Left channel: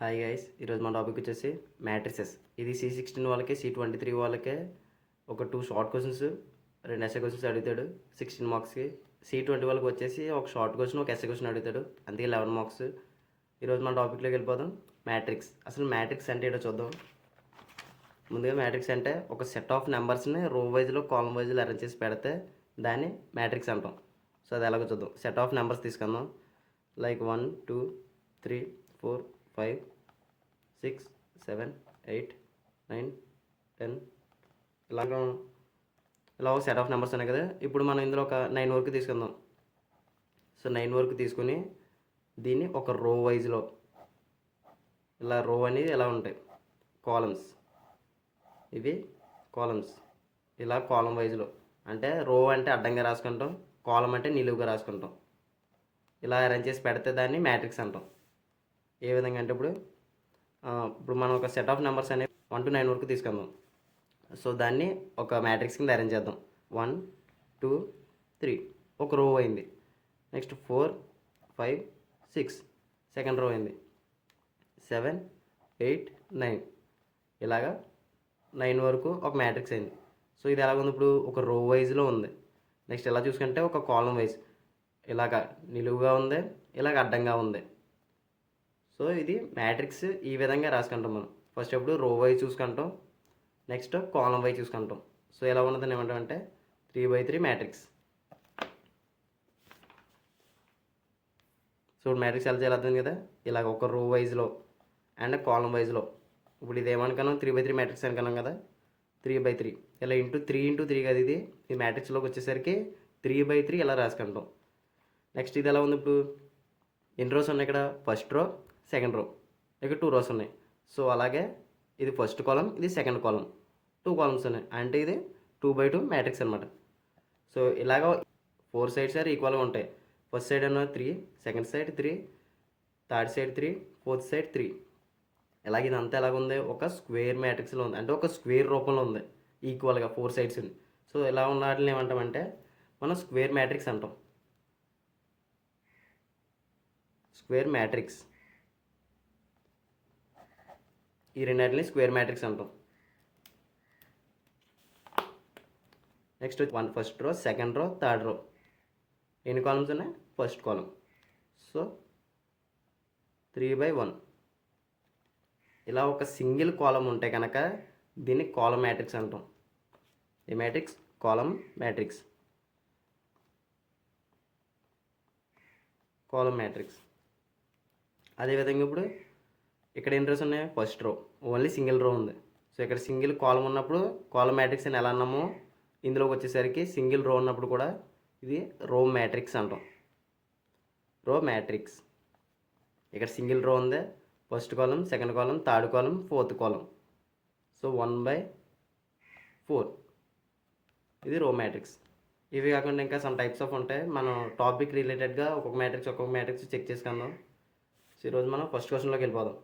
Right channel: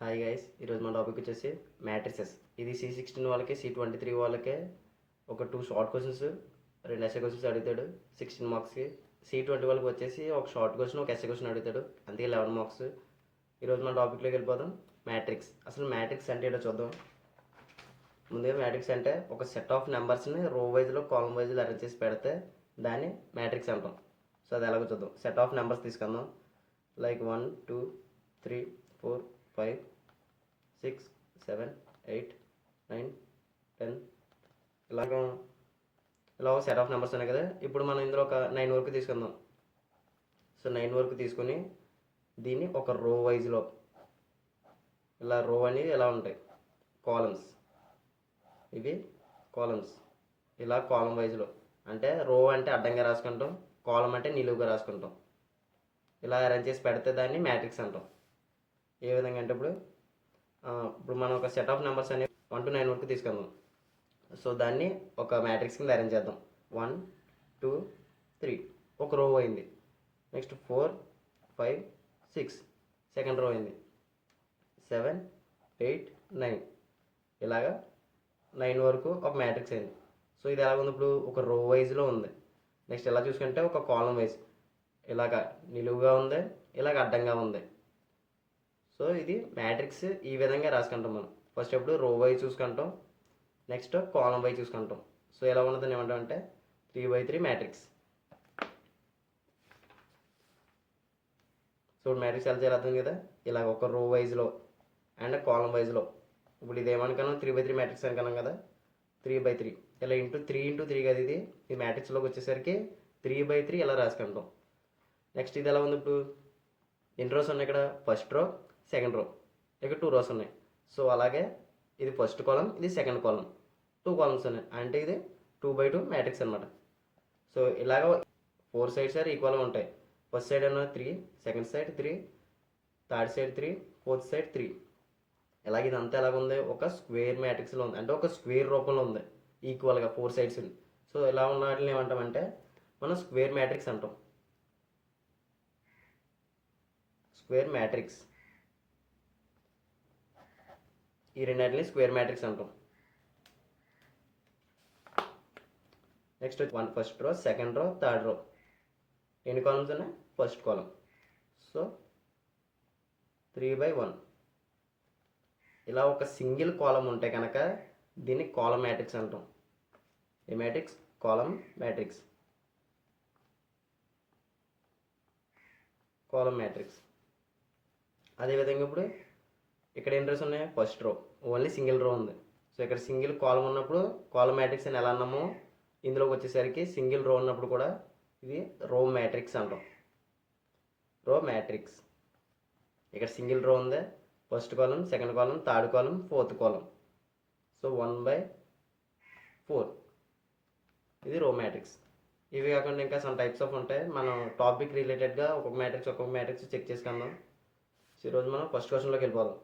Hi guys, ఈరోజు మన topic వచ్చేసి మ్యాట్రిసెస్. ఇది C16 వాళ్ళకి, C23 వాళ్ళకే ఒక 2 షార్ట్ క్వశ్చన్స్, 2 ఎస్ఏ క్వశ్చన్స్ అడుగుతాడు 16 మార్క్స్కి. C20 వాళ్ళకి వచ్చేసి ఒక షార్ట్ క్వశ్చన్, ఒక ఎస్ఏ క్వశ్చన్ అడుగుతాడు, అందుకే 11 మార్క్స్. ఈరోజు మన టాపిక్లోకి వెళ్ళిపోదాం. మ్యాట్రిక్స్. అసలు మ్యాట్రిక్స్ అంటే ఏంటో చూద్దాం. ముందుగా మ్యాట్రిక్స్ అంటే ఒక సెట్ ఆఫ్ నెంబర్స్ని రో వైజ్లో, కాలమ్ వైజ్లో అరేంజ్ చేసి పెడితే దాన్ని మ్యాట్రిక్స్ అంటాం. సో అది ఎలాగో చూద్దాం. సెట్ ఆఫ్ నెంబర్స్ తీసుకుందాం. లైక్ 1 2 3 4 5 6 7 8 9 10 ఇలా సెట్ ఆఫ్ నెంబర్స్ ఉన్నాయి కదా. ఇప్పుడు మనం ఇందులో ఒక 9 వరకు తీసుకుందాం. సో 9 వరకు తీసుకొని దీన్ని ఒక రో వైజ్లో, ఇలా రో అనేది ఇలా ఉంటాయి కాలమ్స్, ఇవి కాలమ్స్, ఇలా కాలమ్ వైజ్లో. అంటే రో అంటే అడ్డంగా రాసుకుంటాం, కాలమ్ అంటే నిలువుగా రాసుకుంటాం. ఇలా అరేంజ్ చేసి పెడితే దాన్ని మ్యాట్రిక్స్ అంటాం. ఏ విధంగా అంటే ఇప్పుడు మనం ఒక సెట్ ఆఫ్ నెంబర్స్ అనేవి 1 to 9 వరకు తీసుకుందాం. సో దాన్ని ఒక మ్యాట్రిక్స్ కింద అరేంజ్ చేద్దాం. 1 2 3 ఒక రో అయింది. నెక్స్ట్ 4 5 6 సెకండ్ రో అయింది. 7 8 9 ఇలాగా 9 వరకు ఒక మ్యాట్రిక్స్ అయింది. సో ఇది ఎలాగ ఉంది, ఇప్పుడు ఒక రో వైజ్లో ఉంది. నెక్స్ట్ ఎలా చూసుకుంటే ఒక కాలమ్ వైజ్, ఇలాగ నిలువుగా ఉంది, ఇలాగ అడ్డంగా ఉంది. సో ఇది మ్యాట్రిక్స్. ఈ విధంగా రాసుకుంటాం మనం. ఫస్ట్ ఎప్పుడు రో వైజ్ చూసుకుంటాం, నెక్స్ట్ కాలమ్ వైజ్ చూసుకుంటాం. సో ఎలా ఉన్నదని ఏమంటామంటే 3x3 మ్యాట్రిక్స్. సో మ్యాట్రిక్స్ ఎలా చేయాలి అర్థం కదా. ఇలాగ ఒక రో వైజ్లో అండ్ కాలమ్ వైజ్లో. ఇప్పుడు ఇది ఏమనుకున్నాం, 3x3 మ్యాట్రిక్స్ అనుకున్నాం కదా. 3x3 ఇలా ఇంటూ 3 కదా. ఇది ఈ మ్యాట్రిక్స్లోకి వచ్చేసరికి 3x3 ఇలా రాసుకుంటాం. నెక్స్ట్ ఇది ఎలా ఉంది, ఇప్పుడు ఎన్ని రోస్ ఉన్నాయి ఇక్కడ, ఫస్ట్ రో సెకండ్ రో, ఇక్కడ 2 రోస్ ఉన్నాయి. సో అలాగే ఇది ఫస్ట్ కాలం, ఇది సెకండ్ కాలం, 2 కాలమ్స్ ఉన్నాయి. అంటే ఇది 2x2 మ్యాట్రిక్స్ అనమాట. సో ఇలాగ 4 సైడ్స్ ఆర్ ఈక్వల్గా ఉంటాయి. ఫస్ట్ సైడ్ అన్న 3, second side 3, third side 3, fourth side 3. ఇలాగ ఇదంతా ఎలాగ ఉంది, ఒక స్క్వేర్ మ్యాట్రిక్స్లో ఉంది. అంటే ఒక స్క్వేర్ రూపంలో ఉంది ఈక్వల్గా 4 సైడ్స్. సో ఇలా ఉన్న వాటిని ఏమంటామంటే మనం స్క్వేర్ మ్యాట్రిక్స్ అంటాం. Square matrix. ఈ రెండింటిని స్క్వేర్ మ్యాట్రిక్స్ అంటాం. నెక్స్ట్ ఫస్ట్ రో, సెకండ్ రో, థర్డ్ రో. ఎన్ని కాలమ్స్ ఉన్నాయి, ఫస్ట్ కాలం. So 3x1. ఇలా ఒక సింగిల్ కాలం ఉంటే కనుక దీన్ని కాలం మ్యాట్రిక్స్ అంటాం. A matrix, column matrix, column matrix. అదేవిధంగా ఇప్పుడు ఇక్కడ ఎన్ని రోస్ ఉన్నాయి, first row, only single row ఉంది. సో ఇక్కడ సింగిల్ కాలం ఉన్నప్పుడు కాలం మ్యాట్రిక్స్ అని ఎలా అన్నామో, ఇందులోకి వచ్చేసరికి సింగిల్ రో ఉన్నప్పుడు కూడా ఇది రో మ్యాట్రిక్స్ అంటాం. రో మ్యాట్రిక్స్. ఇక్కడ సింగిల్ రో ఉంది, first column, second column, third column, fourth column. So 1/4 ఇది రో మ్యాట్రిక్స్. ఇవి కాకుండా ఇంకా సమ్ టైప్స్ ఆఫ్ ఉంటాయి. మనం టాపిక్ రిలేటెడ్గా ఒక్కొక్క మ్యాట్రిక్స్ చెక్ చేసుకుందాం. సో ఈరోజు మనం ఫస్ట్ క్వశ్చన్లోకి వెళ్ళిపోదాం.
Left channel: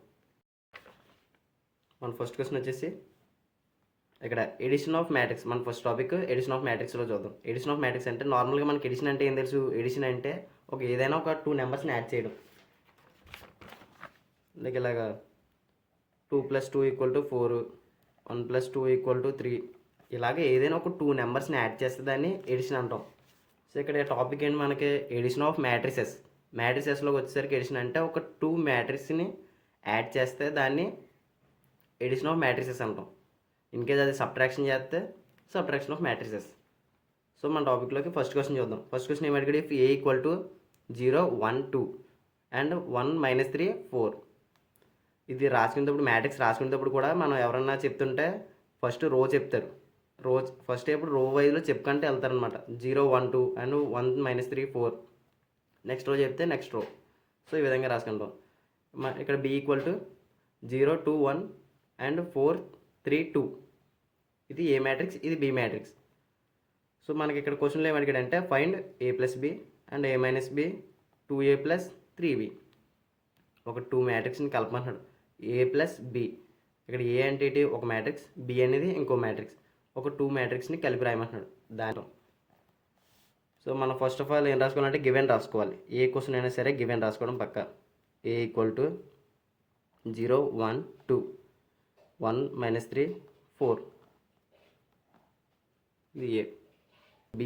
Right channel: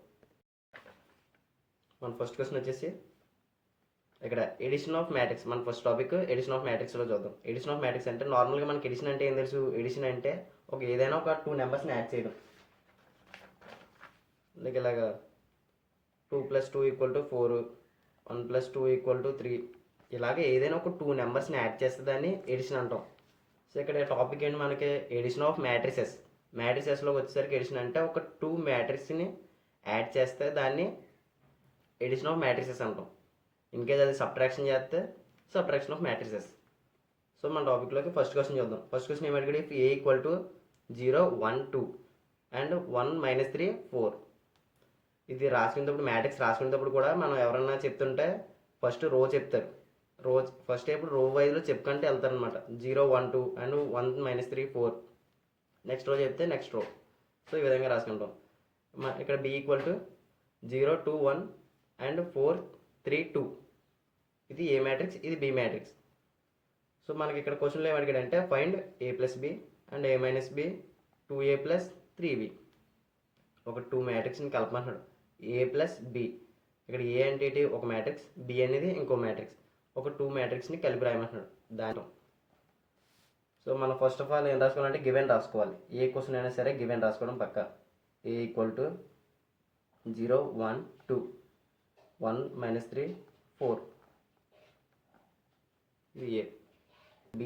మన ఫస్ట్ క్వశ్చన్ వచ్చేసి ఇక్కడ ఎడిషన్ ఆఫ్ మ్యాట్రిక్స్. మన ఫస్ట్ టాపిక్ ఎడిషన్ ఆఫ్ మ్యాట్రిక్స్లో చూద్దాం. ఎడిషన్ ఆఫ్ మ్యాట్రిక్స్ అంటే నార్మల్గా మనకి ఎడిషన్ అంటే ఏం తెలుసు. ఎడిషన్ అంటే ఏదైనా ఒక 2 నెంబర్స్ని యాడ్ చేయడం. లైక్ ఇలాగా 2 + 2 = 4, 1 + 2 = 3. ఇలాగే ఏదైనా ఒక 2 నెంబర్స్ని యాడ్ చేస్తే దాన్ని ఎడిషన్ అంటాం. సో ఇక్కడ టాపిక్ ఏంటి మనకి, ఎడిషన్ ఆఫ్ మ్యాట్రిసెస్. మ్యాట్రిసెస్లోకి వచ్చేసరికి ఎడిషన్ అంటే ఒక 2 మ్యాట్రిక్స్ని యాడ్ చేస్తే దాన్ని ఎడిషన్ ఆఫ్ మ్యాట్రిసెస్ అంటాం. ఇన్ కేస్ అది సబ్ట్రాక్షన్ చేస్తే సబ్ట్రాక్షన్ ఆఫ్ మ్యాట్రిసెస్. సో మన టాపిక్లోకి ఫస్ట్ క్వశ్చన్ చూద్దాం. ఫస్ట్ క్వశ్చన్ ఏమడిగాడు, ఇఫ్ A = 0 1 2 అండ్ 1 - 3 4. ఇది రాసుకునేటప్పుడు, మ్యాట్రిక్స్ రాసుకునేటప్పుడు కూడా మనం ఎవరన్నా చెప్తుంటే ఫస్ట్ రో చెప్తారు. ఫస్ట్ ఇప్పుడు రో వైజ్లో చెప్పుకుంటే వెళ్తారనమాట. 0 1 2 అండ్ 1 - 3 4. నెక్స్ట్ రో చెప్తే నెక్స్ట్ రో. సో ఈ విధంగా రాసుకుంటాం. ఇక్కడ B = 0 2 1 అండ్ 4 3 2. ఇది ఏ మ్యాట్రిక్స్, ఇది బి మ్యాట్రిక్స్. సో మనకి ఇక్కడ క్వశ్చన్లో ఏమడిగాడంటే find A + B and A - B 2A + 3B. ఒక 2 మ్యాట్రిక్స్ని కలపమంటున్నాడు, A + B. ఇక్కడ ఏ అంటే ఏంటి, ఒక మ్యాట్రిక్స్, B అనేది ఇంకో మ్యాట్రిక్స్. ఒక 2 మ్యాట్రిక్స్ని కలిపి రాయమంటున్నాడు దాంట్లో. సో మనం ఫస్ట్ ఆఫ్ ఆల్ ఏం రాసుకోవాలంటే గివెన్ రాసుకోవాలి. ఏ క్వశ్చన్ అయినా సరే గివెన్ రాసుకోవడం పక్క. A = 0 1 2 1 minus 3 4 ఇది A. B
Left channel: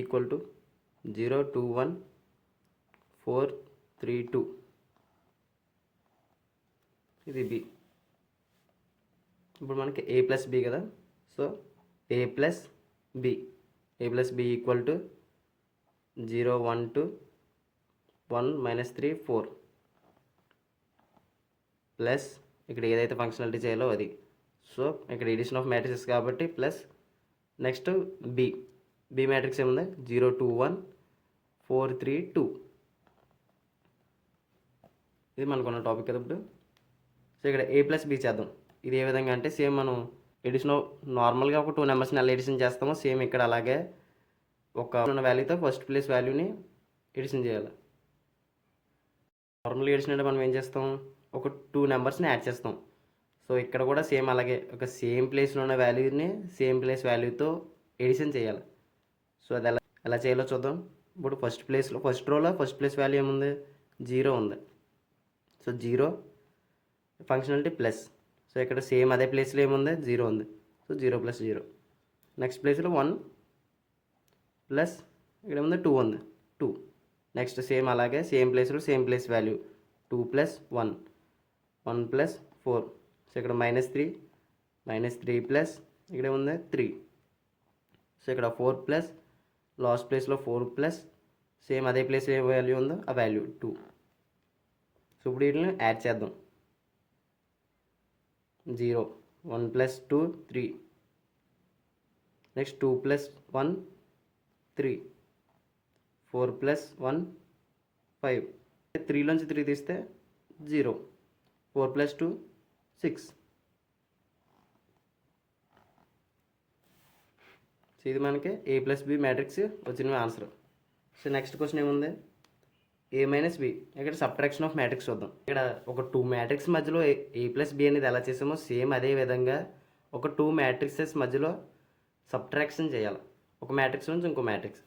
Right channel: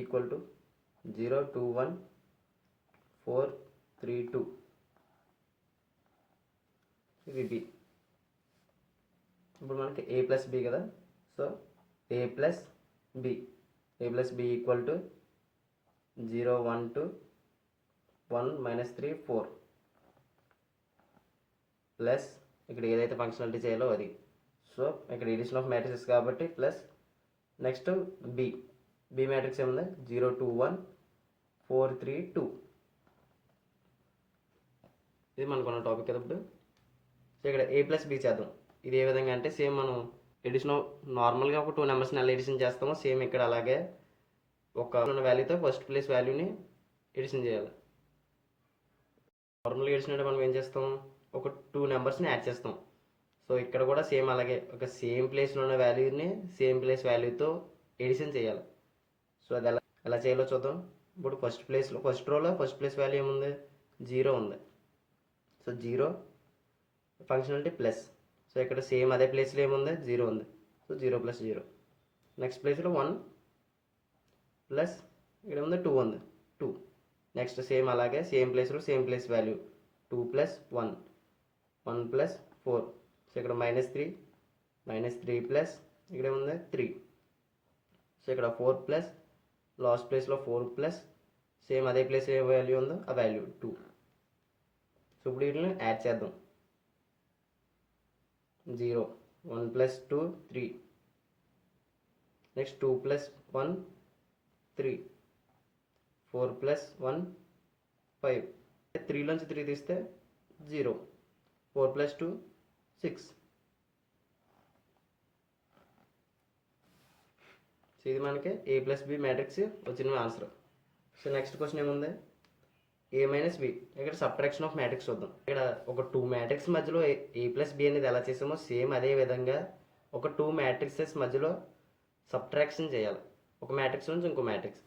equal to 0 2 1 4 3 2 ఇది B. ఇప్పుడు మనకి A ప్లస్ B కదా, so A plus B equal to 0 1 2 1 minus 3 4 plus ఇక్కడ ఏదైతే ఫంక్షనాలిటీ చేయాలో అది. సో ఇక్కడ ఎడిషన్ ఆఫ్ మ్యాట్రిక్స్ కాబట్టి ప్లస్ నెక్స్ట్ బి మ్యాట్రిక్స్ ఏముంది 0 2 1 4 3 2 ఇది మనకున్న టాపిక్ కదా ఇప్పుడు. సో ఇక్కడ A ప్లస్ B చేద్దాం. ఇది ఏ విధంగా అంటే సేమ్ మనం ఎడిషన్ నార్మల్గా ఒక 2 నెంబర్స్ని ఎలా ఎడిషన్ చేస్తామో సేమ్ ఇక్కడ అలాగే ఒక వాల్యూతో ఫస్ట్ ప్లేస్ వాల్యూని ఎడిషన్ చేయాలి. నార్మల్గా ఎడిషన్ అంటే మనం ఏం చేస్తాం, ఒక 2 నెంబర్స్ని యాడ్ చేస్తాం. సో ఇక్కడ కూడా సేమ్ అలాగే ఒక సేమ్ ప్లేస్లో ఉన్న వాల్యూని సేమ్ ప్లేస్ వాల్యూతో ఎడిషన్ చేయాలి. సో అది ఎలా చేయాలో చూద్దాం. ఇప్పుడు ఫస్ట్ రోలో ఫస్ట్ ప్లేస్ వాల్యూ ఏముంది 0 ఉంది. So 0 functionality plus. సో ఇక్కడ సేమ్ అదే ప్లేస్లో ఏముంది 0 ఉంది. So 0 plus 0. నెక్స్ట్ ప్లేస్లో 1 ప్లస్ ఇక్కడ ఉంది 2 ఉంది 2. నెక్స్ట్ సేమ్ అలాగే సేమ్ ప్లేస్లో same place value 2 plus 1 1 plus 4. So ఇక్కడ -3 ప్లస్ ఇక్కడ ఉంది 3. సో ఇక్కడ 4 ప్లస్ లాస్ట్ ప్లేస్లో 4 ప్లస్ సేమ్ అదే ప్లేస్ ఏ వాల్యూ ఉందో ఆ వాల్యూ 2. సో ఇప్పుడు వీటిని యాడ్ చేద్దాం. 0 1 ప్లస్ 2 3. Next 2 plus 1 3 4 plus 1 5. 3లోంచి 3 తీస్తే 0 4 ప్లస్ 2 6. సో ఇది మనకి A ప్లస్ B మ్యాట్రిక్స్ వచ్చిన ఆన్సర్. సో నెక్స్ట్ క్వశ్చన్ ఏముంది A మైనస్ B. ఇక్కడ సబ్ట్రాక్షన్ ఆఫ్ మ్యాట్రిక్స్ చూద్దాం. ఇక్కడ ఒక 2 మ్యాట్రిక్స్ మధ్యలో A ప్లస్ B అనేది ఎలా చేసామో సేమ్ అదే విధంగా ఒక 2 మ్యాట్రిక్సెస్ మధ్యలో సబ్ట్రాక్షన్ చేయాలి, ఒక మ్యాట్రిక్స్ నుంచి ఇంకో మ్యాట్రిక్స్.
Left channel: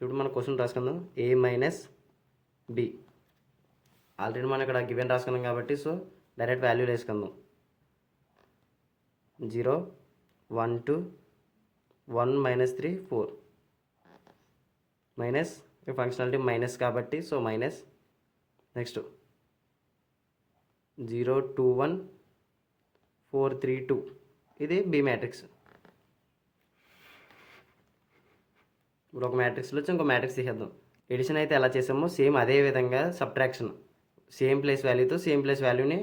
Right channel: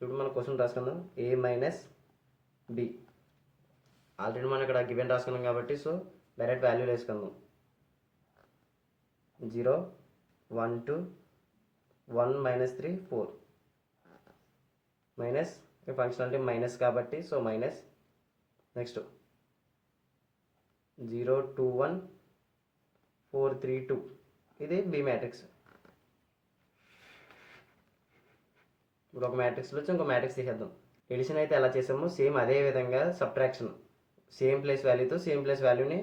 ఇప్పుడు మనం క్వశ్చన్ రాసుకుందాం. A మైనస్ B ఆల్రెడీ మనం ఇక్కడ గివెన్ రాసుకున్నాం కాబట్టి సో డైరెక్ట్ వాల్యూలు వేసుకుందాం. 0 1 2 1 minus 3 4 మైనస్ ఫంక్షనాలిటీ మైనస్ కాబట్టి సో మైనస్. నెక్స్ట్ 0 2 1 4 3 2 ఇది B మ్యాట్రిక్స్. ఇప్పుడు ఒక మ్యాట్రిక్స్లో వచ్చి ఇంకో మ్యాట్రిక్స్ తీసేద్దాం. ఎడిషన్ అయితే ఎలా చేసామో సేమ్ అదే విధంగా సబ్ట్రాక్షన్ సేమ్ ప్లేస్ వాల్యూతో సేమ్ ప్లేస్ వాల్యూని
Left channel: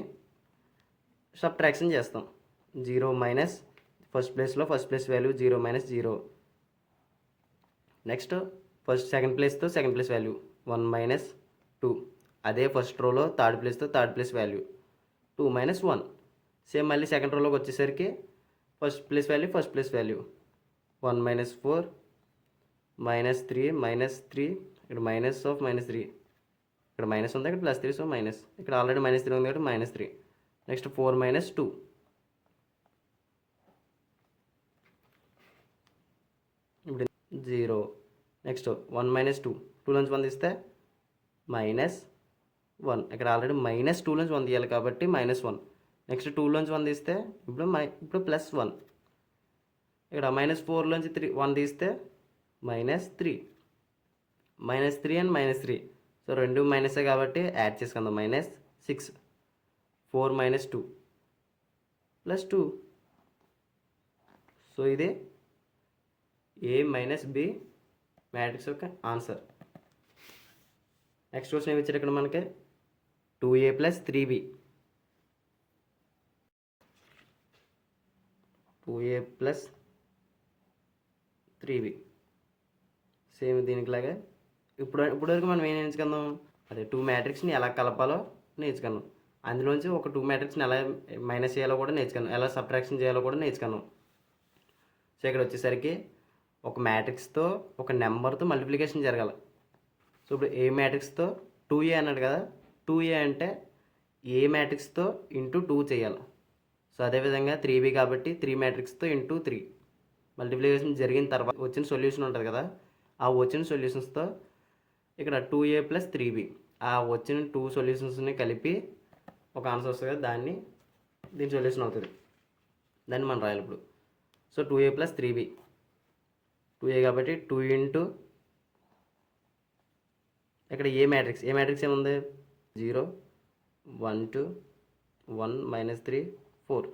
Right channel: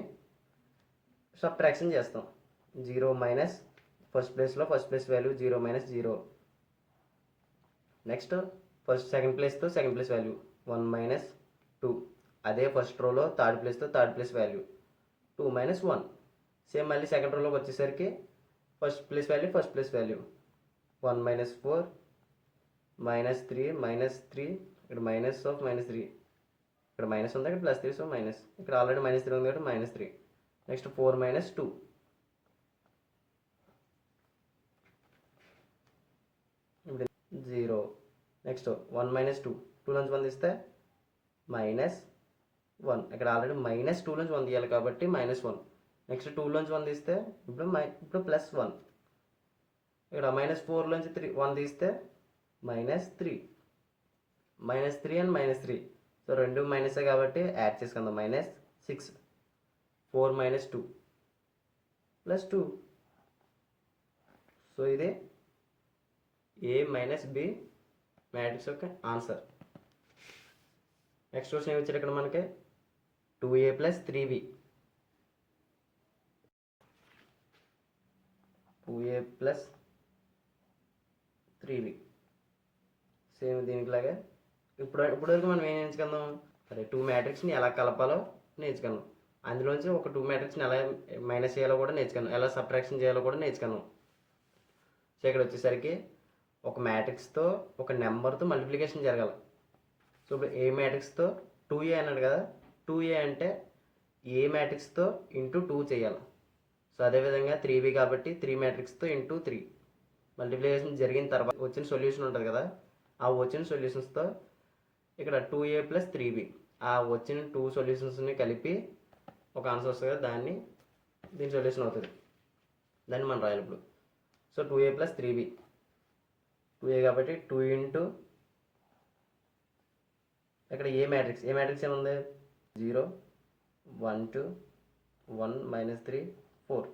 సబ్ట్రాక్షన్ చేస్తాం. 0 మైనస్ ఫస్ట్ ప్లేస్లో first place value 0 minus 0. Next second ప్లేస్తో సెకండ్ ప్లేస్ వాల్యూ 1 మైనస్ 2. అదే ఫస్ట్ రోలో థర్డ్ ప్లేస్తో third place value 2 minus 1. Same మళ్ళీ సెకండ్ రోలోకి వచ్చేసరికి ఫస్ట్ ప్లేస్ వాల్యూ 1 మైనస్ 4 -3 ఇక్కడ మైనస్ ఆఫ్ -3. ఇక్కడ మైనస్ ఉంది, ఇక్కడ +3 సో మైనస్. ఇక్కడ ఆల్రెడీ -3 ఉంది కాబట్టి -3. Next 4 minus 2. ఇప్పుడు 0. Next 1 minus 2. 2 నుంచి 1 తీస్తే -1. ఇక్కడ ఆల్రెడీ -2 నుంచి 1 తీయాలి కాబట్టి -1. నెక్స్ట్ 2 నుంచి 1 తీస్తే ఇప్పుడు +1. ఇక్కడ -4 నుంచి 1 తీస్తే -3 అండ్ -3. సో రెండు మైనసే కాబట్టి యాడ్ చేసుకుందాం. -6 4 మైనస్ 2 ప్లస్ 2. సో ఇది A మైనస్ B మ్యాట్రిక్స్ యొక్క ఆన్సర్. నెక్స్ట్ క్వశ్చన్ ఏమి ఇచ్చారు ఇక్కడ మనకి 2A plus 3B. 2A plus 3B same దీనికి లాగా ఇప్పటివరకు మనం ఏం నేర్చుకుందాం, అదే 2 మ్యాట్రిక్స్ని ఎలా కలపాలో నేర్చుకున్నాం. అందులోంచి ఒక 2 మ్యాట్రిక్స్ని ఎలా మైనస్ చేయాలో కూడా నేర్చుకున్నాం, ఎలా సబ్ట్రాక్షన్ చేయాలో కూడా నేర్చుకున్నాం. సో ఇక్కడ వచ్చేసరికి ఒక మ్యాట్రిక్స్తో ఒక నెంబర్తో మల్టిప్లికేషన్ జరగాలి. సో ఇప్పుడు ఏ మ్యాట్రిక్స్తో 2A అన్నాడు కదా, 2A అంటే ఏ మ్యాట్రిక్స్తో ఇంటూ 2 చేయాలి. సో అదేవిధంగా 3B కాబట్టి 3 మ్యాట్రిక్స్తో ఇంటూ 3 మల్టిప్లికేషన్ జరిగిన తర్వాత వచ్చిన సొల్యూషన్ ఉంటుంది కదా, ఆ వచ్చిన సొల్యూషన్స్తో ఇక్కడ 2A ప్లస్ 3B ఆ వచ్చిన 2 సొల్యూషన్స్ని కలిపి ఒక ఆన్సర్ వస్తుంది కదా, దీని సొల్యూషన్ అవుతుంది. దాన్ని మనం రాయాలి ఇప్పుడు. సో 2a + 3b, 2a కాబట్టి 2 ఇంటూ ఇక్కడ ఏ మ్యాట్రిక్స్ ఏముంది, 0 1 2 1 -3 4.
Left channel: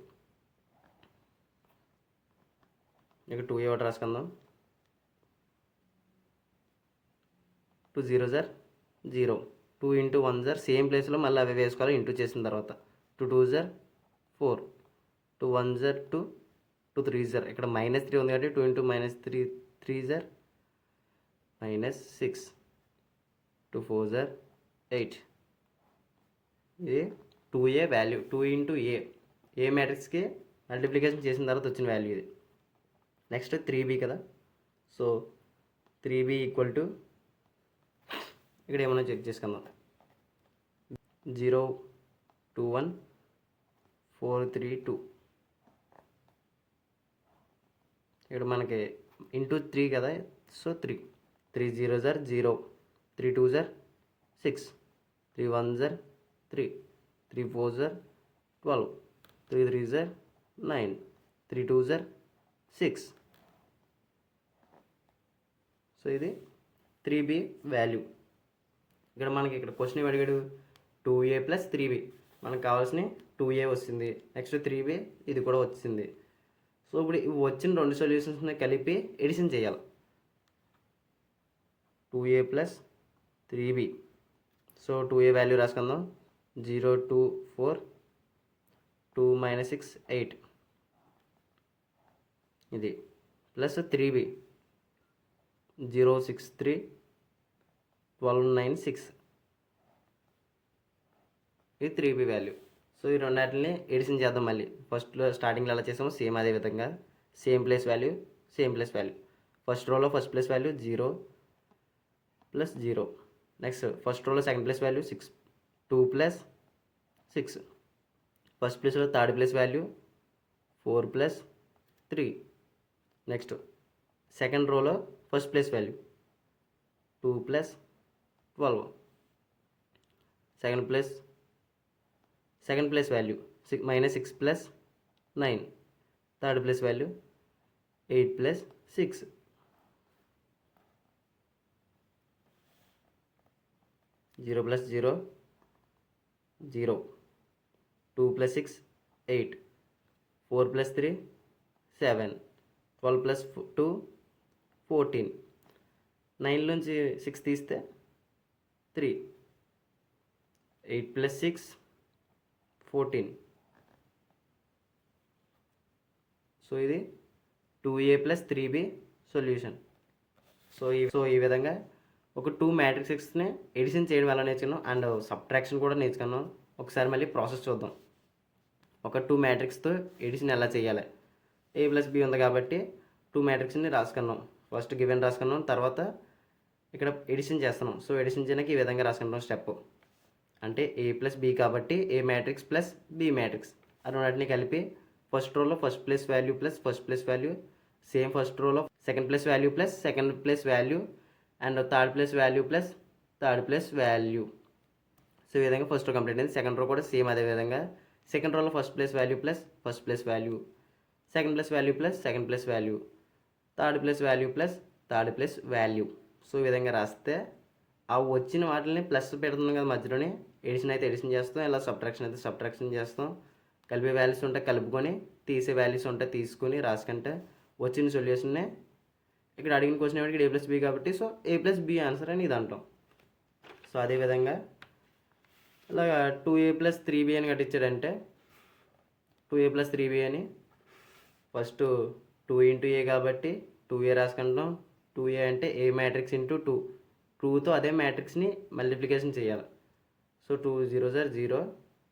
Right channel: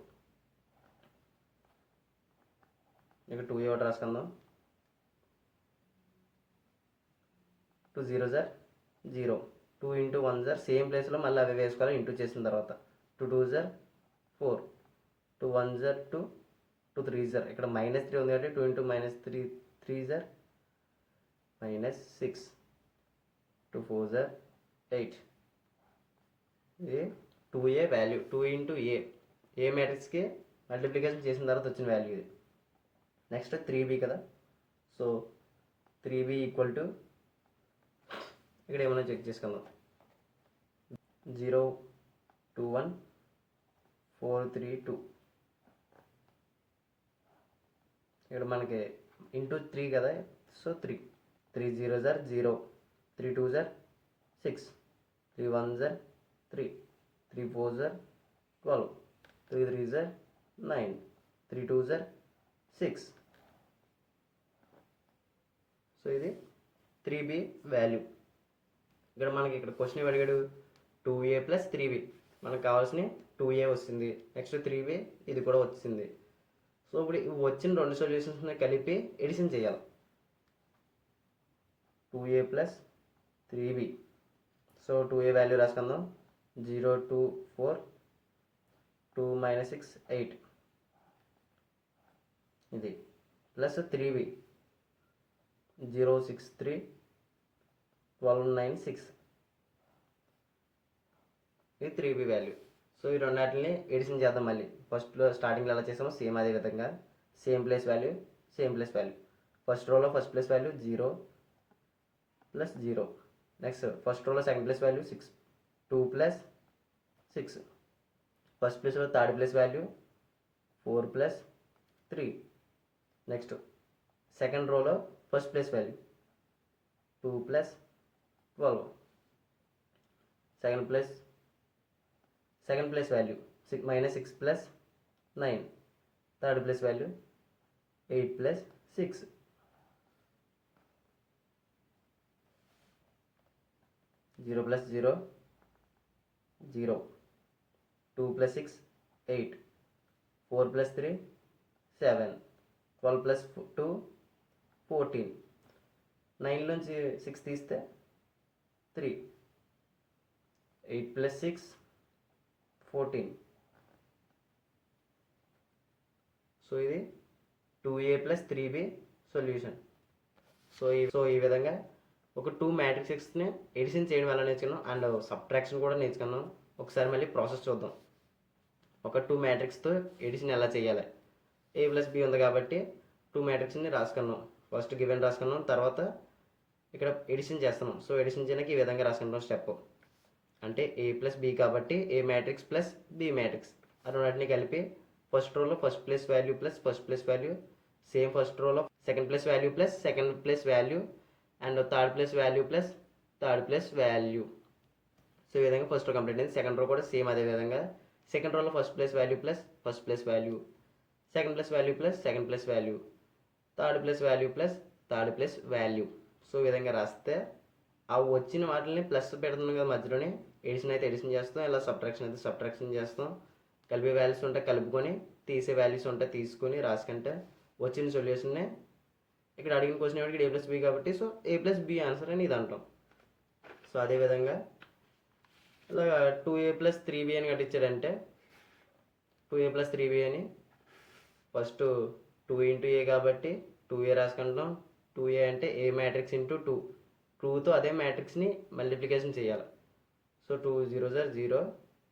ఇక్కడ 2a ఒకటి రాసుకుందాం. 2 0s are 0, 2 into 1s are same ప్లేస్లో మళ్ళీ అవి వేసుకోవాలి ఇంటూ చేసిన తర్వాత. 2 2s are 4, 2 1s are 2, 2 3s are ఇక్కడ -3 ఉంది కాబట్టి 2 into -3 3s are -6, 2 4s are 8. ఇది 2a వాల్యూ, 2 ఇంటూ ఏ మ్యాట్రిక్స్కి మల్టిప్లికేషన్ చేసిన తర్వాత వచ్చిన వాల్యూ ఇది. నెక్స్ట్ 3b కదా, సో 3b ఈక్వల్ టు ఇక్కడ ఏమన్నా చెక్ చేసుకుందాం. 0 2 1 4 3 2. ఇక్కడ మనకి ఇంటూ 3 కదా, so 3 0s are 0, 3 2s are 6, 3 1s are 3, 3 4s are 12, 3 3s are 9, 3 2s are 6. So ఇది 3b వాల్యూ. ఇక్కడ క్వశ్చన్ అడిగాడు 2a + 3b, మనకు కావాల్సిన 2a వస్తుంది, నెక్స్ట్ 3b ఇది కూడా వచ్చింది. సో ఇప్పుడు వచ్చిన 2 సొల్యూషన్స్ని కలిపి ఎడిషన్ చేయాలి. 2a + 3b, so 2a value రాసుకుందాం. 0 2 4, 2 - 6 8, ఇది ప్లస్ 3b 0 6 3, 12 9 6, ఇది 3b వాల్యూ. సో ఈ రెండాటిని ఎడిషన్ చేద్దాం. మళ్ళీ ఫస్ట్లో స్టార్టింగ్లో ఎలా చేసామో సేమ్ అదే విధంగా సేమ్ ప్లేస్ వాల్యూ. ఫస్ట్ రోలో first place value 0 + 0, next first రోలో సెకండ్ ప్లేస్ వాల్యూ 6, 2 + 6, ఫస్ట్ ప్లేస్లో third place value 4 + 3, next second రోలో first place value 2 + 12, second place value -6 + 9, third place value 8 + 6, zero + 0 0, 2 + 6 8, 4 + 3 7, 12 + 2 14, 9 నుంచి 6 తీస్తే 3, 8 + 6 14. సో ఇది 2a + 3b సొల్యూషన్. సో ఈ విధంగా ఒక 2 మ్యాట్రిక్స్ని ఎడిషన్ చేయడం ఎలా నేర్చుకున్నాం అండ్ సబ్ట్రాక్షన్ కూడా నేర్చుకున్నాం. ఒకసారి మళ్ళీ ప్రాసెస్ చూద్దాం. ఒక 2 మ్యాట్రిక్స్తో ఎడిషన్ ఎలా చేయాలి. a + b ఉంది కాబట్టి 2 మ్యాట్రిక్స్ని రాసుకున్నాం. ఫస్ట్ గివెన్ రాసుకున్నాం, తర్వాత ఇక్కడ ఎడిషన్ చేస్తున్నాం. సో ఎడిషన్ చేయడానికి ఈ విధంగా రాసుకుంటాం స్టెప్. అంటే a + b కాబట్టి a మ్యాట్రిక్స్ + b మ్యాట్రిక్స్ రెండింటిని కలిపి ఫస్ట్ రోలో first place value + first place value, same first రోలో second place value + second place value and third place value + third place value. So ఈ విధంగా ఫస్ట్ రో కంప్లీట్ అయింది. Second row కూడా same అదే విధంగా సెకండ్ రోలో first place value + first place value, second place value + second place value, third place value + third place value. So ఈ విధంగా రాస్తే ఆ వచ్చిన వాటిని ప్లస్ పెడుతున్నాం కదా మధ్యలోని, ఎడిషన్ అయితే ఎడిషన్ చేస్తాం, ఇలా సబ్ట్రాక్షన్ అయితే సబ్ట్రాక్షన్ చేస్తాం. కలిపే వాల్యూస్ ఉంటే కలుపుకొని, తీసే వాల్యూస్ ఉంటే తీసుకొని రాసుకుంటే వచ్చిన సొల్యూషన్నే ఇక్కడ అడిగిన క్వశ్చన్ ఏమిటి, a + b కాబట్టి సో a + b ఆన్సర్ అని ఇది అంటాం. సో అదేవిధంగా ఇలా 2a + 3b అని కట్టించారంటే 2a + 3b అని ఫస్ట్ 2 ఇంటూ a కాబట్టి 2a రాసుకుంటాం. 2a అంటే a మ్యాట్రిక్స్ ఇంటూ 2, 2తో అదే మ్యాట్రిక్స్ని మల్టిప్లికేషన్ చేయాలి. So 2 0s are 0,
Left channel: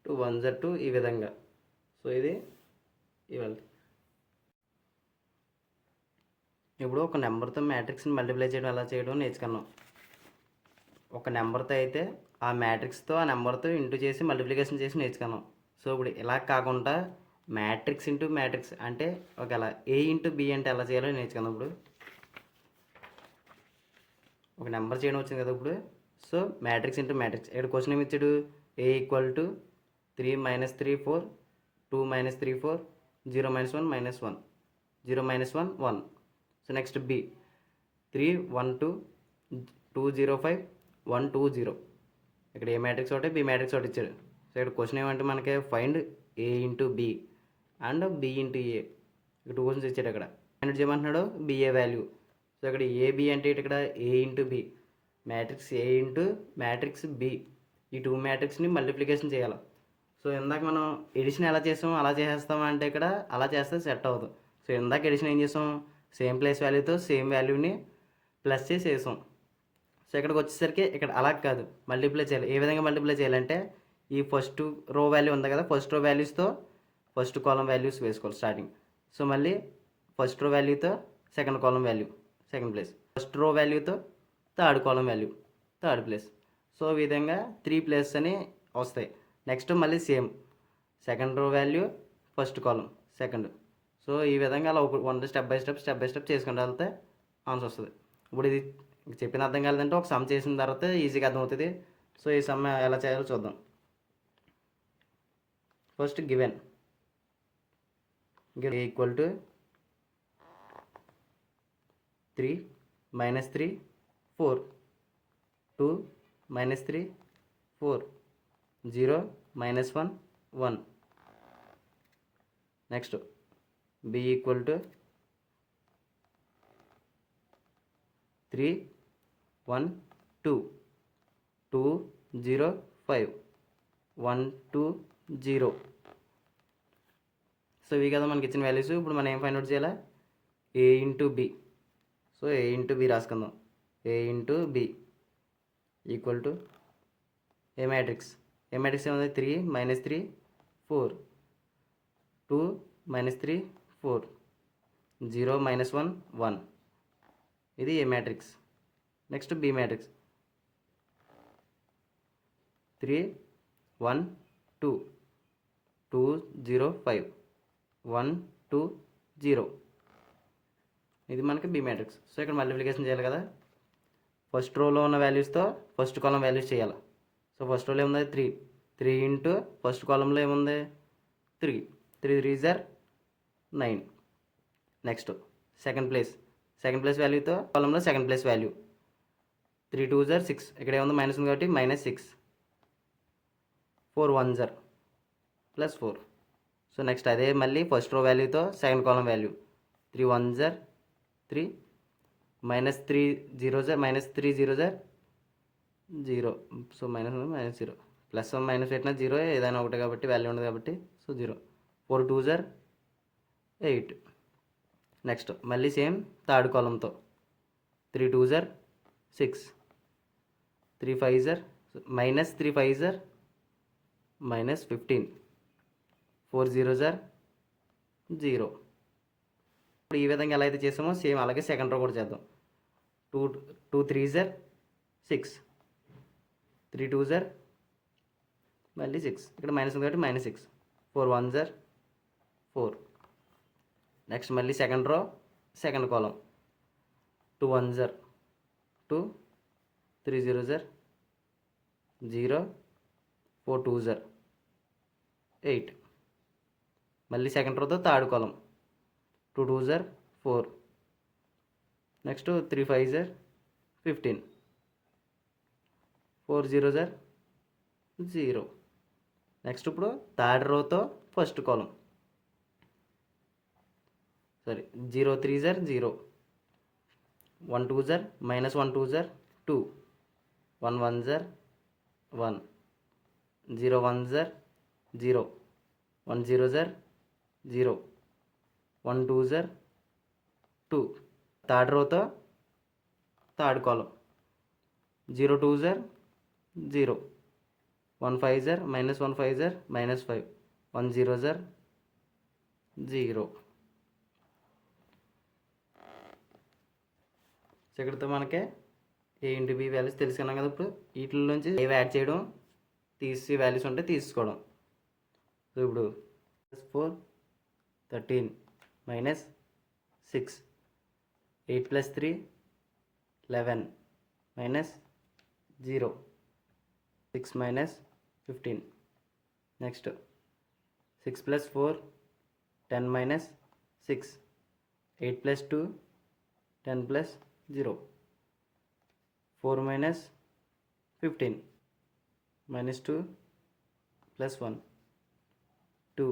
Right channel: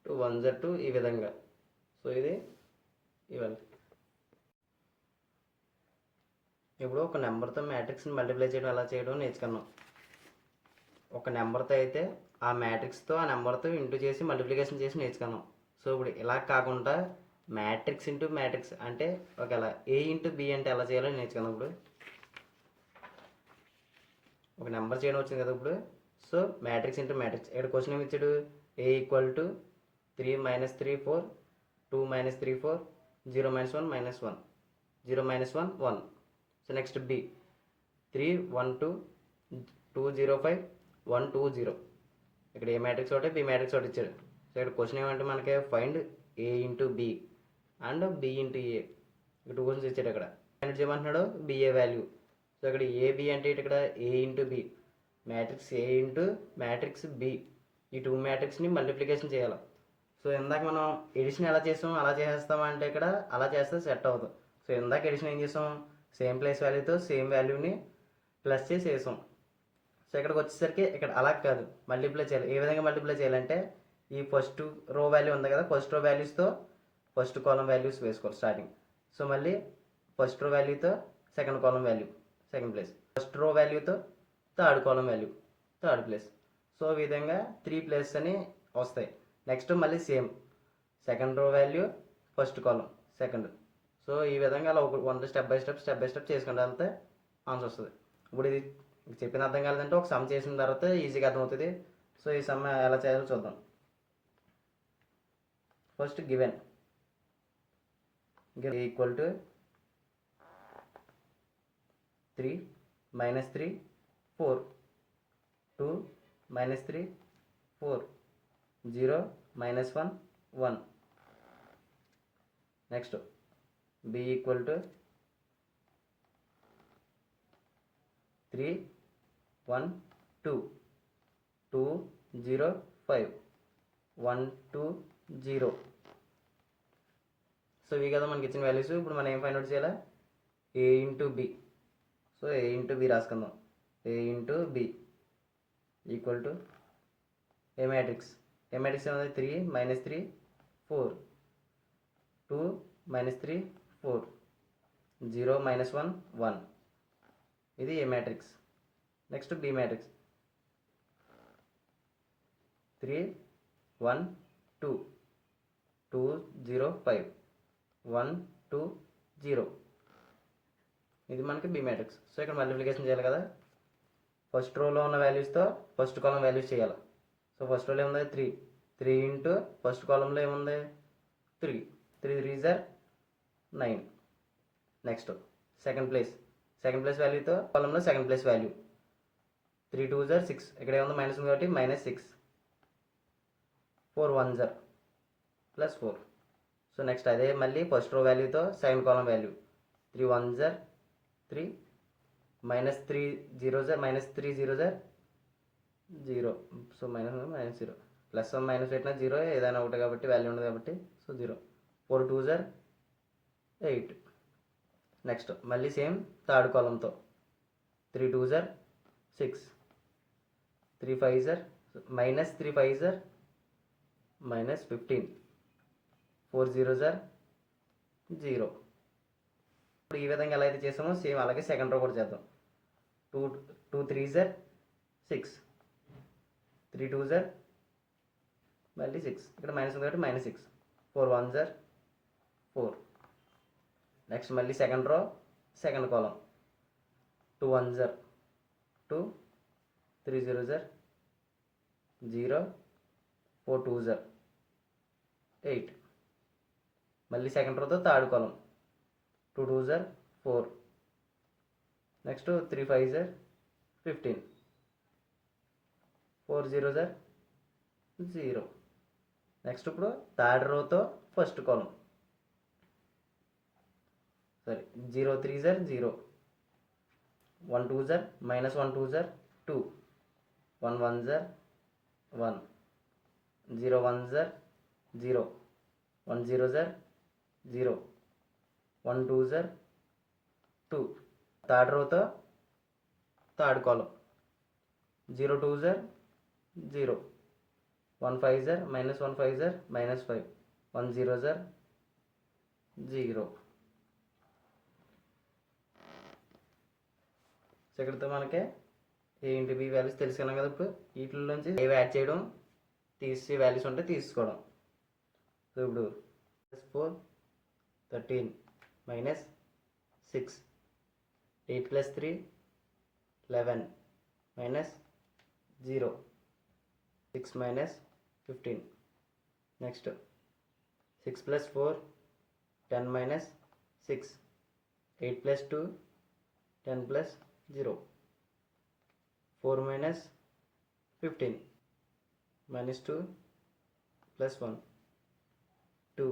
2 1s are 2, ఈ విధంగా. సో ఇది ఇవాళ. ఇప్పుడు ఒక నెంబర్తో మ్యాట్రిక్స్ని మల్టిప్లై చేయడం ఎలా చేయడం నేర్చుకున్నాం. ఒక నెంబర్తో అయితే ఆ మ్యాట్రిక్స్తో ఆ నెంబర్తో ఇంటూ చేసి మల్టిప్లికేషన్ చేసి నేర్చుకున్నాం. సో ఇప్పుడు ఇలా కాకుండా మ్యాట్రిక్స్ ఇంటూ మ్యాట్రిక్స్ అంటే ఒకవేళ a ఇంటూ b అంటే ఎలా చేయాలో నేర్చుకున్నాం. ఇప్పుడు ఒక నెంబర్ చేయడం వచ్చింది కదా ఇప్పుడు. So matrix into matrix. ఇక్కడ క్వశ్చన్ ఏమి ఇచ్చాడు, ఏ equal to 3 - 3 4, 2 - 3 4, 0 - 1 -1, 0 - 1 1. So next B 3 1 2 2 0 5 1 2 0. ఇక్కడ ఏ మ్యాట్రిక్స్ ఒకటి బి మ్యాట్రిక్స్ ఒకటి ఇచ్చాడు. సో ఇక్కడ క్వశ్చన్ ఏమంటే మనకి find A into B and B into A. ఇక్కడ 2 క్వశ్చన్స్ ఇచ్చాడు. అక్కడ ఫైండ్ చేయమంటున్నాడు బిఏ వాల్యూ. సో ఇక్కడ ఏబి అంటే ఇక్కడ A into B, matrix A into matrix B, ఈ 2 మ్యాట్రిక్స్ని మల్టిప్లికేషన్ చేయాలి. సో ఇందాక మనం ఎడిషన్ ఎలా చేసాం అలా చేసేస్తాం అంటే ఇక్కడ అలా చేస్తే సెట్ అవ్వదు. సో ఇందాక ఎడిషన్ ఏం చేసాం, సేమ్ ప్లేస్ వాల్యూతో సేమ్ వాల్యూని ప్లస్ చేసి వేసాం. సో ఇక్కడికి వచ్చేసరికి ఇక్కడ అలా కాదు, మల్టిప్లై చేయాలి. ఏ విధంగా మల్టిప్లై చేయాలంటే ఈ ఫస్ట్ రో వాల్యూ ఉంది కదా, ఫస్ట్ రో వాల్యూస్తో ఫస్ట్ కాలం వాల్యూస్ వేసుకోవాలి స్టార్టింగ్. సో మళ్ళీ ఫస్ట్ రో వాల్యూతో second column value second place, first row వాల్యూతో third column value third place. So ఈ విధంగా 3 ప్లేస్ అని వస్తాయి. నెక్స్ట్ మళ్ళీ same second row value first column second. So ఈ విధంగా అలా ఒక స్టెప్ బై స్టెప్ చేసుకుంటూ వెళ్తే ఆన్సర్ వస్తుంది. ఇప్పుడు ఇది చెప్పిన అర్థం కాలేదంటే ఒక సమ్ చేసిన తర్వాత ఈజీగా అర్థమవుతుంది. సో ఈ సమ్ ఎలా చేయాలో చూద్దాం. First given equal to 3 - 3 4, 2 - 3 4, 0 - 1 1. Next b equal to 3 1 2, 2 0 5 1 2 0. So ఇవి కదా మనకి ఇచ్చిన వాల్యూస్. ఇప్పుడు మనం ఏం ఫైండ్ అవుట్ చేయాలి, A into B. So A into B రాసుకుందాం. A into B equal to A matrix ఏముంది 3 - 3 4, 2 - 3 4, 0 - 1 1. ఇది A matrix. Next B matrix 3 1 2, 2 0 5 1 2 0. ఇది మనకి బి మ్యాట్రిక్స్. సో ఇక్కడ మల్టిప్లికేషన్ చేయాలి కదా, ఫస్ట్ రోలో ఉన్న వాల్యూస్తో ఫస్ట్ కాలం వాల్యూస్ చేయాలి. సో ఫస్ట్ రోలో ఏముంది 3, 3 ఇంటూ ఫస్ట్ కాలంలో ఏముంది 3, 3 3 జర్ 9. నెక్స్ట్ సెకండ్ ప్లేస్ వాల్యూతో కాలంలో సెకండ్ ప్లేస్ వాల్యూ 3 2 జర్ 6. ఇక్కడ ఏముంది మైనస్ ఉంది కాబట్టి -6, 4 1 జర్ +4. సో నెక్స్ట్ అదే మళ్ళీ ఫస్ట్ రో వాల్యూతో సెకండ్ కాలం వాల్యూ 3 1 జర్ 3, -3 0 జర్ -3 0 జర్ 0. సో -0 ప్లస్ మైనస్ పెట్టిన 0 ఏదైనా ఒకటి కాబట్టి వాల్యూ ఉండదు కాబట్టి సో 0. 4 2 జర్ 8. నెక్స్ట్ మళ్ళీ సేమ్ థర్డ్ కాలంతో 3 2 జర్ 6, 3 5 జర్ -3 5 జర్ -15, 4 0 జర్ 0. ఇప్పుడు ఈ విధంగా ఎలా అయితే చేసామో సేమ్ అలాగే సెకండ్ రో కూడా చేద్దాం. 2 3 జర్ 6, 3 2 జర్ మళ్ళీ 6. ఇక్కడ మైనస్ ఉంది కాబట్టి -6, 4 1 జర్ 4. నెక్స్ట్ మళ్ళీ సెకండ్ రో సెకండ్ కాలం 2 1 జర్ 2, 3 0 జర్ 0, 4 2 జర్ 8. మళ్ళీ సెకండ్ రోతో థర్డ్ కాలం 2 2 జర్ 4. నెక్స్ట్ 3 5 జర్ 15, 4 0 జర్ 0. నెక్స్ట్ ఇప్పుడు థర్డ్ రోతో ఫస్ట్ కాలం 0 3 జర్ 0, 1 2 జర్ -1 2 జర్ 2, 1 1 జర్ 1, 0 1 జర్ 0, 1 0 జర్ 0, 1 2 జర్ 2. థర్డ్ రోతో థర్డ్ కాలం 0 2 జర్ 0, 1 5 జర్ -1 5 జర్ -5, 1 0 జర్ 0. సో ఇక్కడితో మనకి ఏ ఇంటూ బి వాల్యూస్ తెలుసుకున్నాం కదా. ఇప్పుడు వీటి నుంచి ఏవి యాడ్ చేయడం, తీసి వాల్యూస్ ఉంటే తీసుకోవడం. సో ఇప్పుడు 4 13 -6, 8 + 3 11 -0. 6 minus 15. Next 6 plus 4 10 minus 6. 8 plus 2 10 plus 0. 4 minus 15 minus 2 plus 1. 2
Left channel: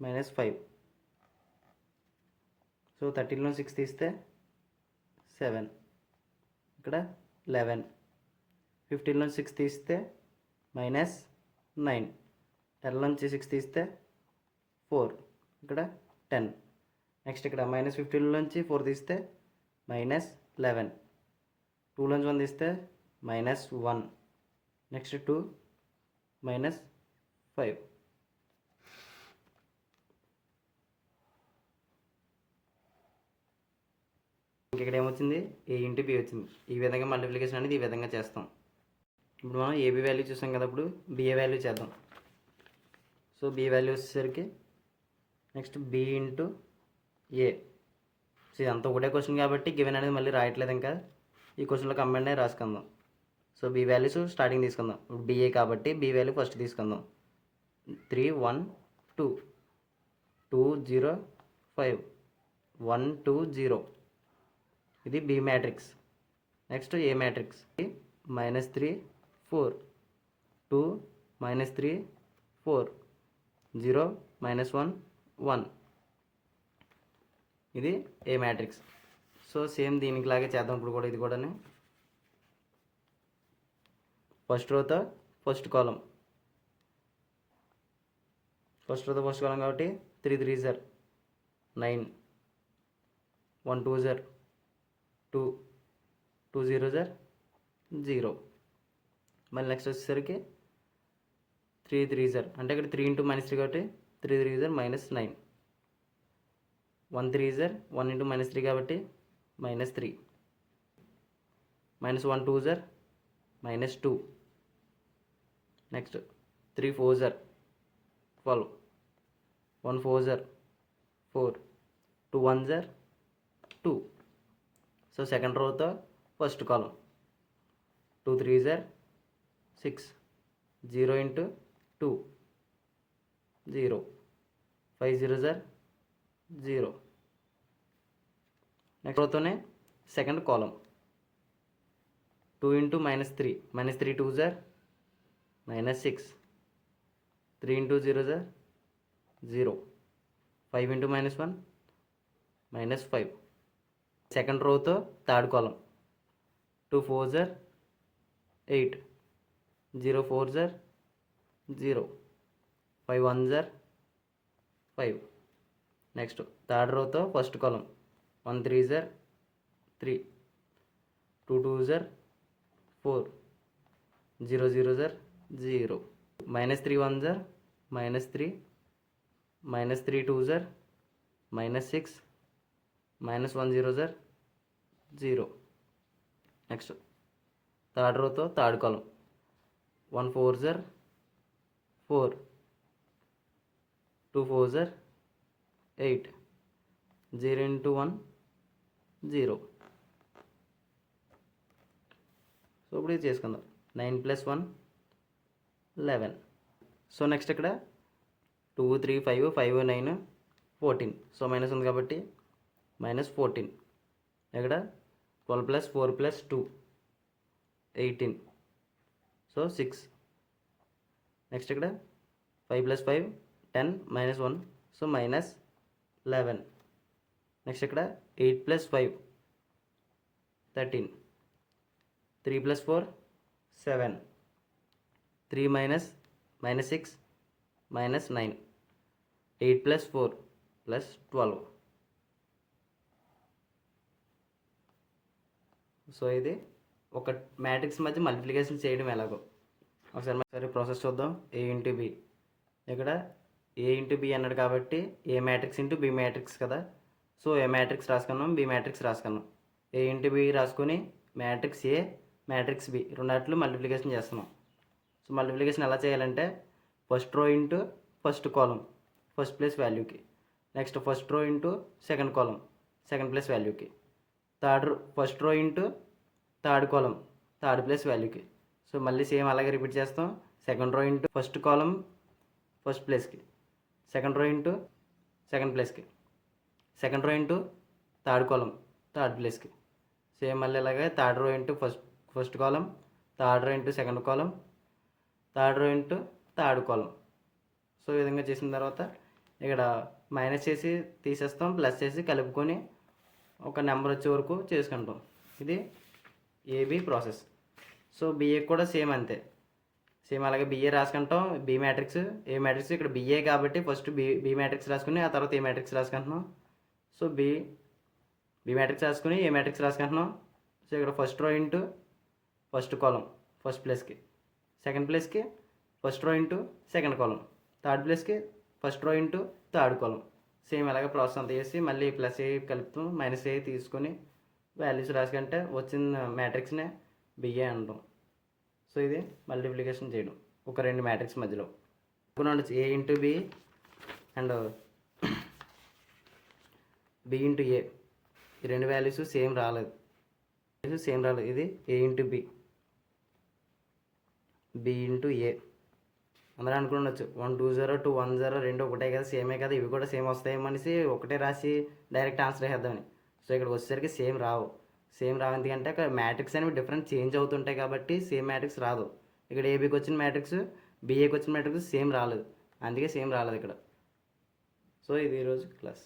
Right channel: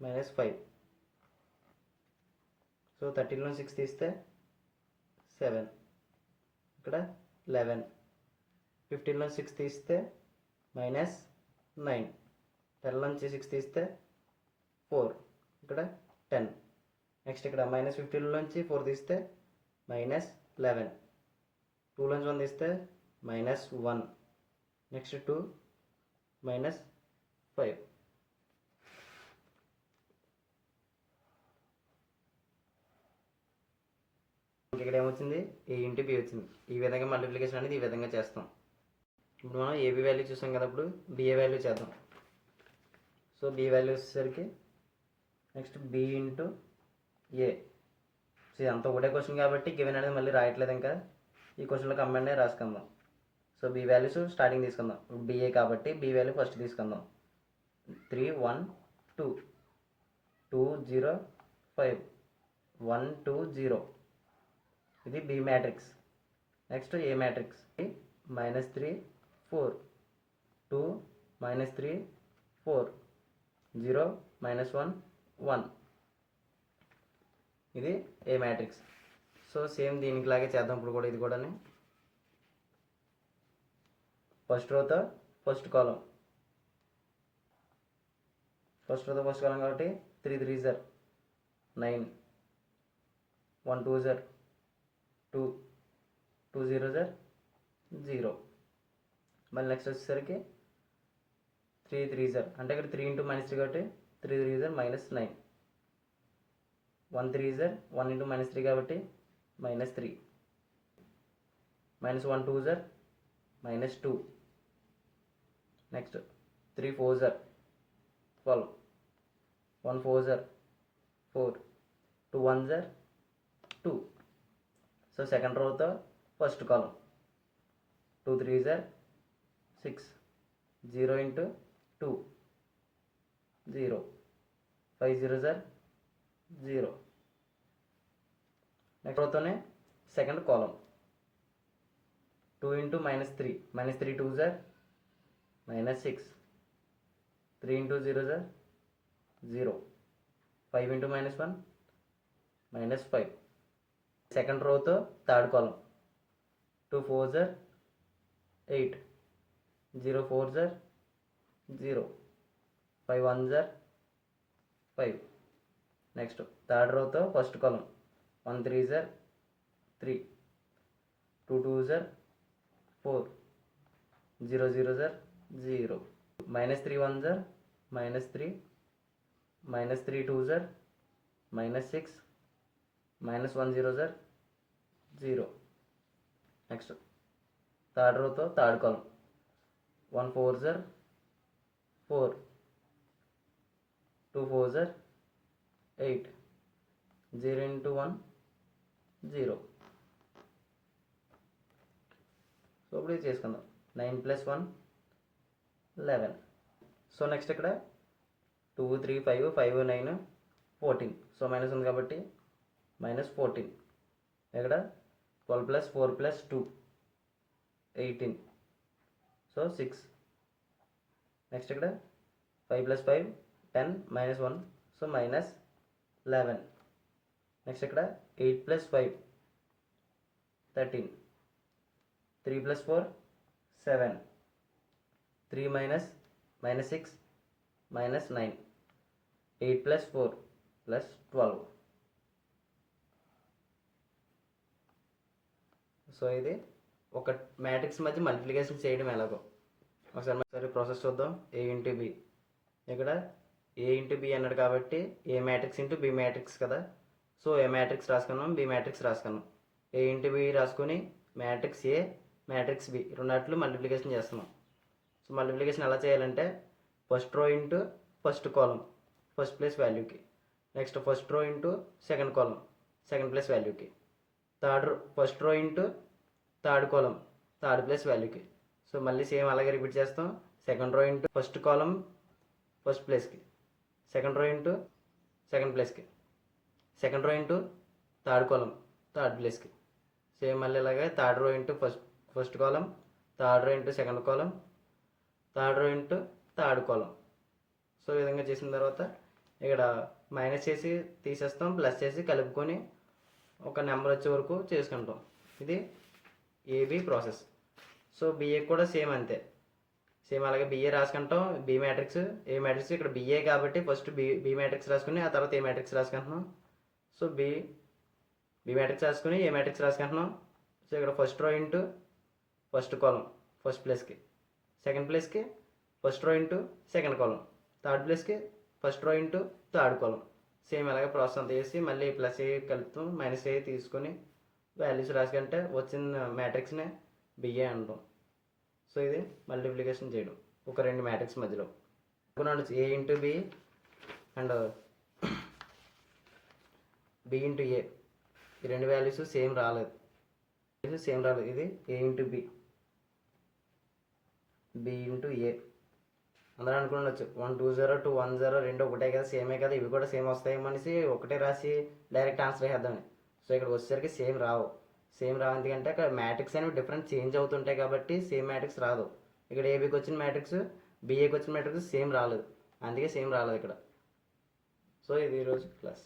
minus 5. So 13లో 6 తీస్తే 7, ఇక్కడ 11. 15లో 6 తీస్తే -9. 10 నుంచి 6 తీస్తే 4, ఇక్కడ 10. నెక్స్ట్ ఇక్కడ -15 నుంచి 4 తీస్తే -11. 2 నుంచి 1 తీస్తే -1. నెక్స్ట్ 2 -5. ఇక్కడ ఏమొచ్చింది, a ఇంటూ b వచ్చింది. ఈ విధంగా మల్టిప్లికేషన్ అనేది ఈ విధంగా చేస్తాం. ఇప్పుడు మనం ఏబీ వాల్యూ చూసాం కదా, ఇప్పుడు బిఏ వాల్యూ చేద్దాం. సో బి వాల్యూ వచ్చేసరికి నెక్స్ట్ బి ఇంటూ ఏ. సో ఇదంతా ఒకటే క్వశ్చన్ కాబట్టి గివెన్ అనేది మళ్ళీ రాయట్లేదు, ఇంకా ఈ క్వశ్చన్లో కంబైండ్ రాసుకుందాం. సో బి వాల్యూస్ స్టార్టింగ్ తీసుకుందాం. ఇప్పుడు బిఏ కాబట్టి బి వాల్యూ ఫస్ట్ తీసుకుందాం. 3 1 2 2 0 5 1 2 0. ఇది బి మ్యాట్రిక్స్. నెక్స్ట్ ఏ మ్యాట్రిక్స్ -3 4 2 -3 4 0 -1 1. ఇది ఏ మ్యాట్రిక్స్. సో సేమ్ దీనికి లాగే చేద్దాం ఇప్పుడు కూడా. ఇది కూడా ఫస్ట్ రోతో ఫస్ట్ కాలం, ఫస్ట్ రోతో ఫస్ట్ కాలం కాబట్టి 3 3 జర్ 9, 1 2 జర్ 2, 2 0 జర్ 0. మళ్ళీ నెక్స్ట్ వచ్చేసరికి 3 3 జర్ అంటే ఇక్కడ 3 ఇంటూ -3 కాబట్టి 3 3 జర్ -9. 1 3 జర్ 1 ఇంటూ -3 కాబట్టి -3. -1 2 జర్ -2. నెక్స్ట్ 3 4 జర్ 12. 1 4 జర్ 4. 2 1 జర్ 2. సో సెకండ్ రోతో ఫస్ట్ కాలం 2 3 జర్ 6. 0 ఇంటూ 2 0. 5 0 జర్ 0. నెక్స్ట్ రోతోనే సెకండ్ కాలం 2 ఇంటూ -3. -3 2 జర్ -6. 3 ఇంటూ 0 జర్ 0. 5 ఇంటూ -1 -5. సెకండ్ రోతో థర్డ్ కాలం 2 4 జర్ 8. 0 4 జర్ 0. 5 1 జర్ 5. నెక్స్ట్ థర్డ్ రోతో ఫస్ట్ కాలం 1 3 జర్ 3. 2 2 జర్ 4. 0 0 జర్ 0. -3 1 జర్ -3. -3 2 జర్ -6. -1 0 జర్ 0. నెక్స్ట్ థర్డ్ రోతో థర్డ్ కాలం 1 4 జర్ 4. 2 4 జర్ 8. 0 ఇంటూ 1 0. సో ఇప్పుడు ఇది చేసుకుందాం. 9 + 1 11. సో నెక్స్ట్ ఇక్కడ 2 3 5 5 9 14. సో మైనస్ ఉంది కాబట్టి -14. ఇక్కడ 12 + 4 + 2 18. సో 6. నెక్స్ట్ ఇక్కడ 5 + 5 10 -1. సో -11. నెక్స్ట్ ఇక్కడ 8 + 5 13. 3 + 4 7. 3 - 6 -9. 8 + 4 + 12. సో ఇది ఒక మ్యాట్రిక్స్ మధ్య మల్టిప్లికేషన్ చేయడం ఎలాగో ఒకసారి ప్రాసెస్ చూద్దాం. A into B. ఇక్కడ ఏ ఇంటూ బి అన్నాడు కాబట్టి A matrix into B matrix కదా. సో ఏ మ్యాట్రిక్స్ రాసుకున్నాం, బి మ్యాట్రిక్స్ రాసుకున్నాం. ఏ ఇంటూ బి రాసుకుని మ్యాట్రిక్స్ ఏ మ్యాట్రిక్స్ బి రెండాట్లు మల్టిప్లికేషన్ చేస్తున్నాం. సో మల్టిప్లికేషన్ ఎలా చేయాలంటే first row into first column first place వాల్యూకి. Next first row into second column second place వాల్యూకి. First row into third column third place వాల్యూకి. So మళ్ళీ same అలాగే repeat చేస్తాం. Second row into first column first ప్లేస్కి, second row into second ప్లేస్కి, second row into third column third ప్లేస్కి, same మళ్ళీ ఇలాగే థర్డ్ రో ఇంటూ ఫస్ట్ కాలం, third row into second column, third row into third కాలం. So ఈ విధంగా చేసిన తర్వాత ఇక్కడ మైనస్ చేసి తీసేస్తాం, ప్లస్ చేసి కలుపుకొని ఒక నెంబర్ వచ్చే వరకు చేసుకుంటాం. ఇది ఏబి ప్రాసెస్. సో బిఏ కూడా సేమ్ అంతే, సేమ్ అలాగే బిఏ రాసుకుంటాం. బి మ్యాట్రిక్స్, ఏ మ్యాట్రిక్స్, ఇక్కడ బిఏ కాబట్టి ఫస్ట్ బి మ్యాట్రిక్స్ రాసుకుని ఆ తర్వాత ఏ మ్యాట్రిక్స్ రాసుకుంటున్నాం. సో బి మ్యాట్రిక్స్ రాసుకుని ఏ మ్యాట్రిక్స్ రాసుకుంటున్నాం. సో ఇక్కడ first row into first column first ప్లేస్కి, సెకండ్ ప్లేస్కి first row into second column, third ప్లేస్కి first row into third column. Same అలాగే ప్రాసెస్ అంతా చేసి మళ్ళీ ప్లస్ ఏ కలుపుతాం, మైనస్ ఏ తీసుకొని వాల్యూస్ రాసుకుంటే వచ్చిన మ్యాట్రిక్స్నే బిఏ అంటాం. సో ఇది మల్టిప్లికేషన్ చేయడం ఒక రెండు మ్యాట్రిక్స్ మధ్యలో. A into B and B into A, ఈ రెండు వాల్యూస్ సేమ్ రాలేదు. ఇది A into B into A. అందరూ అనుకుండొచ్చు 1 2 0 2 1 0 రెండు ఒకటే కదా, సేమే కదా, ఇవి కూడా సేమ్ వస్తాయేమో అనేసి ఒకటే రాసి డైరెక్ట్ ఆన్సర్ వేద్దామని. సో ఇక్కడ వచ్చేసరికి సేమ్ రావు ఎందుకంటే అక్కడ మ్యాట్రిక్స్ అనేవి డిఫరెంట్ చేంజ్ అవుతుంటాయి కాబట్టి సేమ్ మ్యాట్రిక్స్ రాదు. ఇక్కడ ఏబీకి వచ్చిన మ్యాట్రిక్స్ బిఏకి వచ్చిన మ్యాట్రిక్స్ సేమ్ రాలేదు, అందుకే సేమ్ రాలేదు ఇక్కడ. సో ఇది ఈరోజు క్లాస్.